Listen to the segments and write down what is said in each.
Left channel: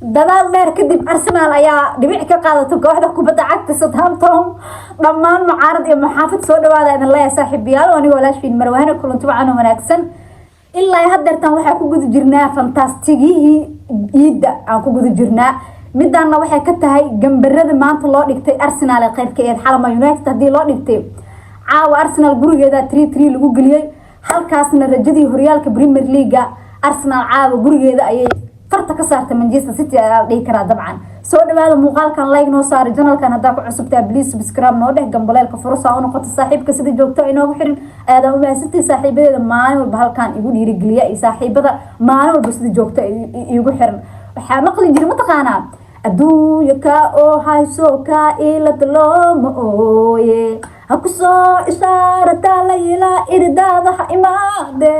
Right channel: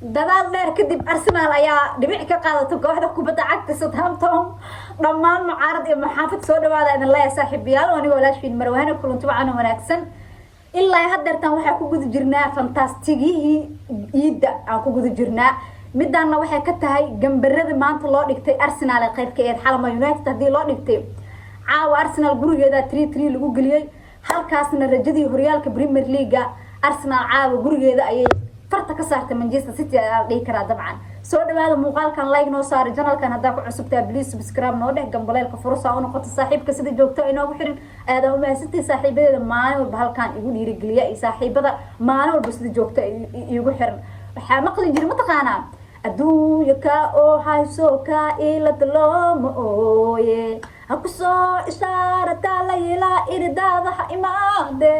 dadaal dheer kadib Arsenal ayaa dhibic ka qaadatay kooxda kubadda cagta Southampton dhammaan mucaarad iyo maxaafid soo dhawaada in la saaxiibayaal oo anigoo laashfiin marwaana kulanti wacan wanaagsan ilaa haddeertan waxaa ku guda jirnaa fantastigii iida aan ku guda jirnaa midaana waxay ka tahay gambarada maanta loo dhigtay Arsenal ee qaybkeed xalama United hadii loo dhigtay caawa Arsenal gurigeeda 3-3 lagu galiyay halkaasna rajadii horyaalka Premier League Arsenal caawa gurigeeda ayay farta ka saartay Manchester City ayaa dhigi kara dabcan soo dhawaada muuqaalkan like noo saar channelkan hadaa ku cusubtaa please subscribe noo dheh gambaleelka fursa oo noqoto saaxiibka sida joogto inoogu xirin aad u mahadsantii saaxiibadeeda maalin walba halkan igu dhiirigeliya iyo saaxiibada maalin walba sida joogto igu xiran waxa maqli jiray mataqaanaa adduunka ka oo hayso ka ila taloomo ooye hakusoo ishaarata la ila irdaada imaade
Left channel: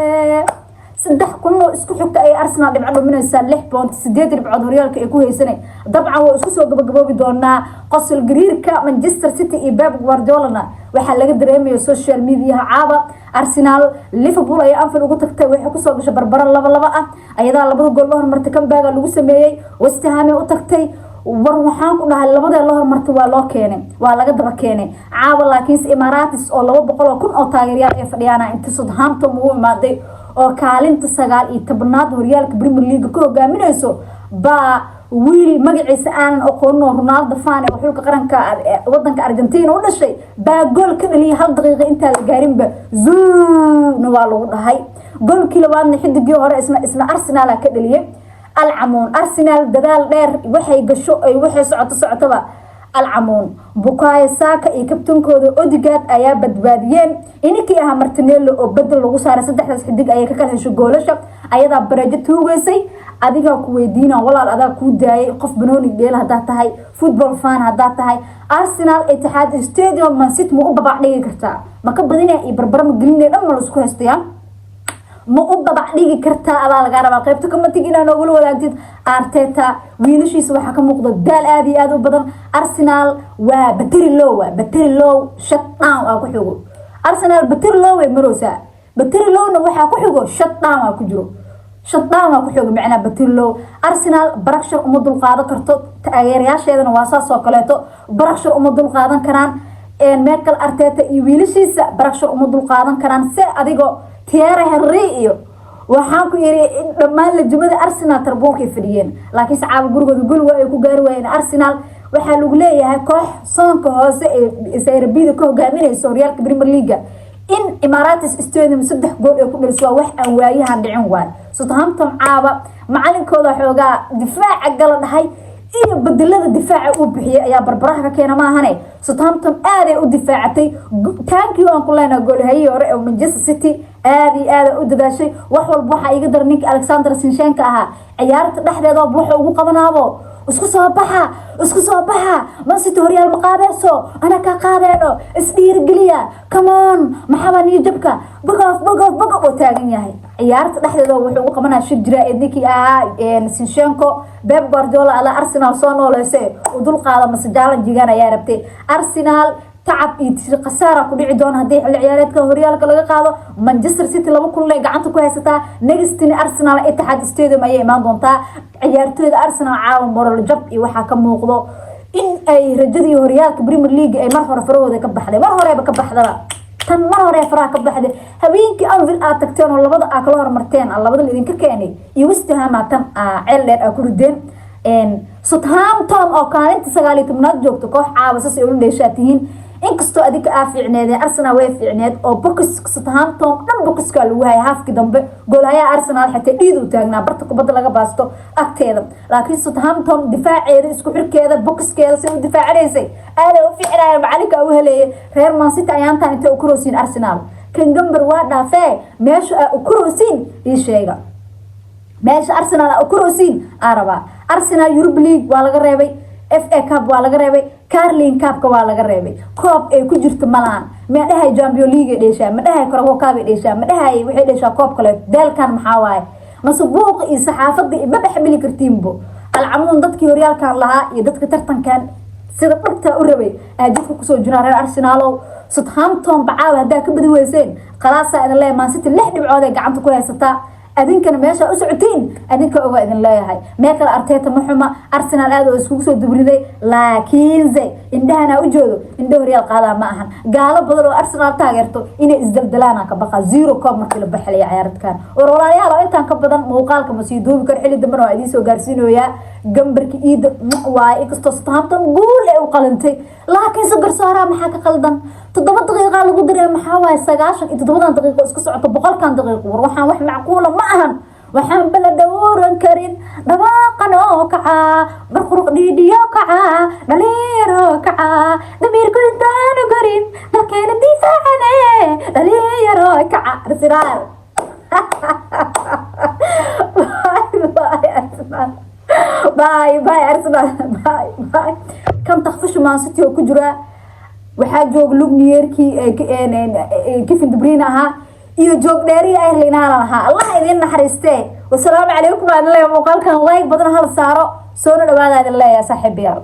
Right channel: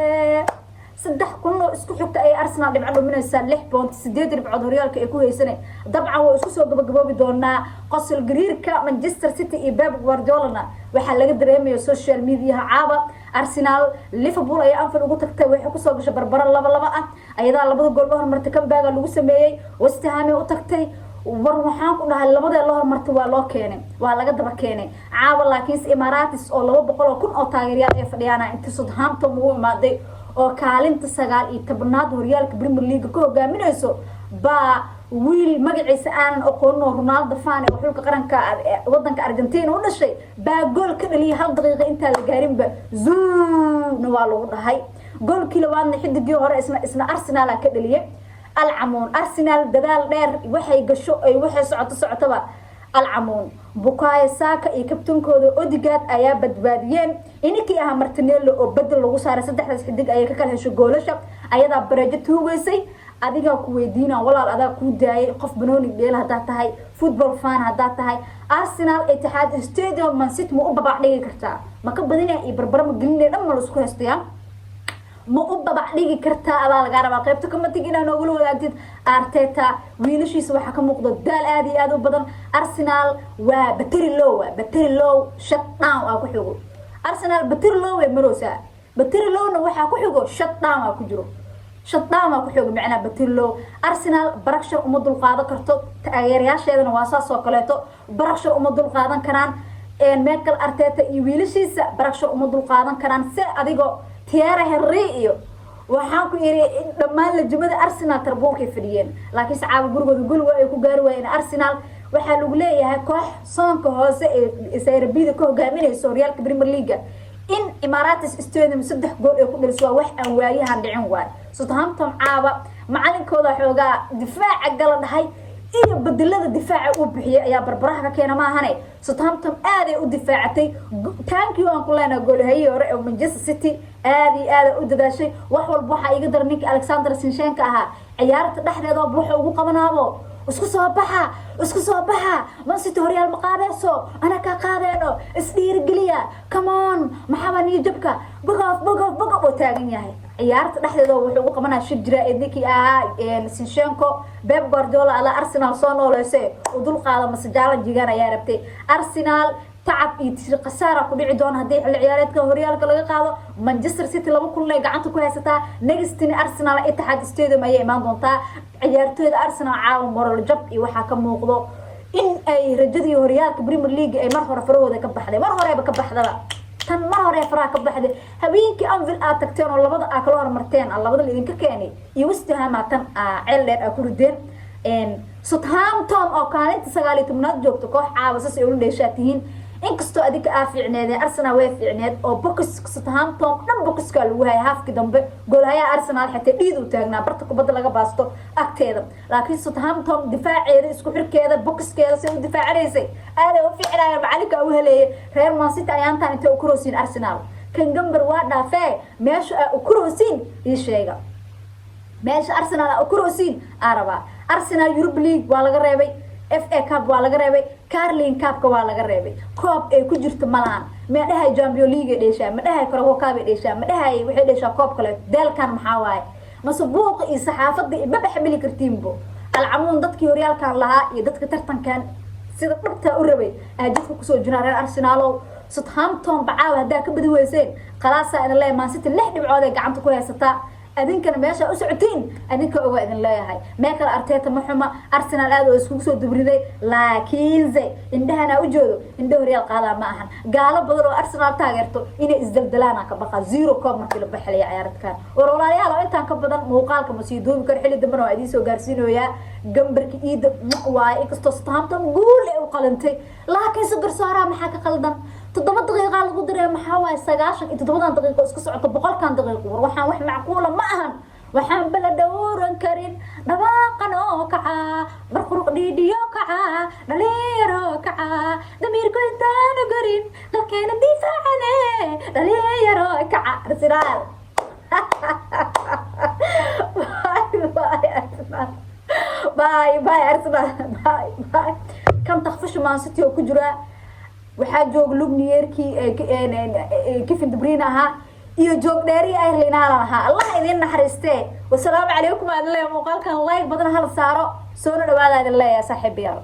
saddex kullo isku xigta ay Arsenal dhibco dhuminaysa 6.8 dhibcood horyaalka ay ku haysanay dabcan waa isku soo gabagaboobi doonaa qosol gariirka Manchester City iyo Pep Guardiola waxa laga dareemayo social media caaba Arsenal Liverpool ay Anfield ugu tagtay waxay ku soo gashay barbaro 2-2 ah ayada labada gool loo hormartay comeback lagu sameeyay West Ham u tagtay war waxaan ku dhahay labada loo hormartay waa loo keenay waa laga daba keenay caaba laakiin Emirates oo 200,000 oo taageerayaal ay fadhiyaan inta Southampton ugu imaaday oo kaalinta 19aad horyaalka Premier League ku hogaaminayso ba wiil magaciisa aanan aqoon Ronaldo fan ee xulka qaranka wadanka Argentina u dhashay ba gool ka dhaliyay hal daqiiqo inta la gaarin ba zuuna waa lagu dhahay goolkii labaadna xidigii hore isna Arsenal ka dhaliyay العمون أرسنال دال دير waxay gasho ay waxay socotaba العمون بوكاي ساكا iyo kabtankooda Odegaard ayaa badbaadiyeen inkii ah Martinelli oo badal lagu saaray saddexdaas xidig ayay ka kala hesho goolasha ayada barajo tuugaysay adiga ku weydiina walaal adaa ku daayay qof banooni dheel hadaa tahay football fan hadaa tahay Arsenal Etihad Stadium Man City ma u babac dhigi kartaa ma ka badinay iyo barbarama gelinay dhan ma la isku haystayaan ma u babac dhigi kartaa ala laga rabaa qaybta kama tigina noogu wadaagtid Arteta wiilashiisa waxa ka muuqda daal aad iyo aad u badan Arsenal waa battery low shutdown oo ku xigo Arsenal battery low way maroosa battery lowna waxa ku xigo shutdown oo ku jiro shutdown oo ku xigo macna battery low Arsenal barakshar uma dul qaadan karto taageerayaasheedana waa saas oo kaleeto barakshar uma dul qaadan karaan Mikel Arteta iyo wiilashiisa barakshar uma dul qaadan karaan si adigo Thierry Henry iyo waxaan ku yiri dhamaan la jumada Arsenal tarbuunkay fadhiyeen laakiin saacad gurigooda gol waa ay ku gaari waayeen Arsenal waxa lagu leeyahay koox soonka hoose ee Serbia ka hogaaminayso horyaalka Premier League in Emirates Stadium 3 gool ay ku dhaliso wax aan waayahan dhicin waay Southampton caaba macalinkooda xoogaa difaaca gal dhahay iyo bedelada difaaca uu bixiyay ayaa barbaraha ka keenay maahane Southampton aad ay u difaacatay thank you aan ku leenahay goolhaye hore ee Manchester City aad u dadaashay wax walba waxa iga dar ninka Alexander Zinchenko ahaa ciyaarta dhexdeeda waxa ugu qabanaabo isku soo baxa Man City horyaal ma qaadayso ana ka qaadayno isdhiir galiya come on maxaa ni jabka bogof oo taagan yahay ciyaarta dhexdeeda wuxuu ugu qabanaa shijra ediki Zinchenko Pep Guardiola ala Arsenal soo nooleysay oo dul qaada masjaalan jigaan ayaa rabtay Arsenal تعب يصير خسارة كل عدون هذه العيارات كهوريال كلا قاضو مانشستر سيتي لما كل قعدت كويسة نجستني أرسنال اتحاد استوديو ما يمان دونتا عيارتو أرسنال عاون مرة الجب وحكم موقضو إن أي رجدي هوريال كبريمير ليج أي مرة فرود كبحدة مرة كبحدة تن مرة فرا كبحدة هبينك أنفل آتكتين ولا بدأ أكلور مرتين الله بدل إذن ككاني يوستها ما تم علة أكل الدين إن Southampton أو كانت سجالي تمنات جوكتو كوح عاوزة يقولون ليشاتين inkastoo adiga aaficneed Arsenal way fiicneed oo box Southampton dhan boxka lagu hay halfki dambe goolaya Arsenal xitay dhiid u taagnaa barta kubadda laga baasto agteeda laakiin Southampton difaaceeda isku xirkeeda boxkeeda si uu difaacaysay aad u fiicnaa macalinka uu heleeyay reer Man City ayaan taan inta u kuroosin Arsenal kan gambar waa dhaafay meesha u kuroosin ii sheega meesha Arsenal u kuroosin araba Arsenal Europe League waa laga reebay FA Cup waa laga reebay Carling Cup waa laga reebay koob ay ku jirto malahan ma dhahay Champions League dheesha ma dhahay Carabao Cup dheesha ma dhahay wixii dheesha koob kale dalkan maxaa waay masbuuq iyo saxaafadii ma baxmili kartiinbo alcamuun dadkii horyaalkan lahaa iyo dadka tartankan sida dhulta u rabay aajidka ku soo jira reer Arsenal Southampton bacaa hadaa ka badi weyseen qalaasa in Man City 6 dhibcood ay gacanta ku haysataa adinkana meesha u socotiin adinka oga idin leeyahay meekala Arteta ma xuma Arsenal aad oo isku soo dubriday laakiin indhahana u joodo indho Real qaada ma ahan gaalo badan oo Arsenal taageerto inay isdaldalaana ka baqa 0 koob markii la baxlay ciyaartkan oo walaalayaal oo intaan ka badan muuqaalka ma sii duubi kar xilli dambe oo idin soo gaarsiinooya gambarki iida waa inkastoo Southampton gool ay u qalantay laakiin si garsoora maxaa ka qaldan 7 daqiiqo lagu diray maxaa waay 97 daqiiqo isku socoto 100 daqiiqo war waxaan wax macquul ma ahan waxaan bala dawran karin dhawaaqan oo kaca barquruq dhiidhiyo kaca dhalinyaro kaca damiirku intaan garin dalkeena difaacane dhalinyaro kaca Arsenal باي أرسنال باي كم تخفش ما ستي وكجرا وحاجوج لوبنيركي كيف دبرينها iyo joog dheeri ay leenaanaha Allah idin naxariistay wassalaamu calaykum aan leeyahay muuqaalkan like badan hal saaro soo dhawaada idin leeyahay saaxiibayaal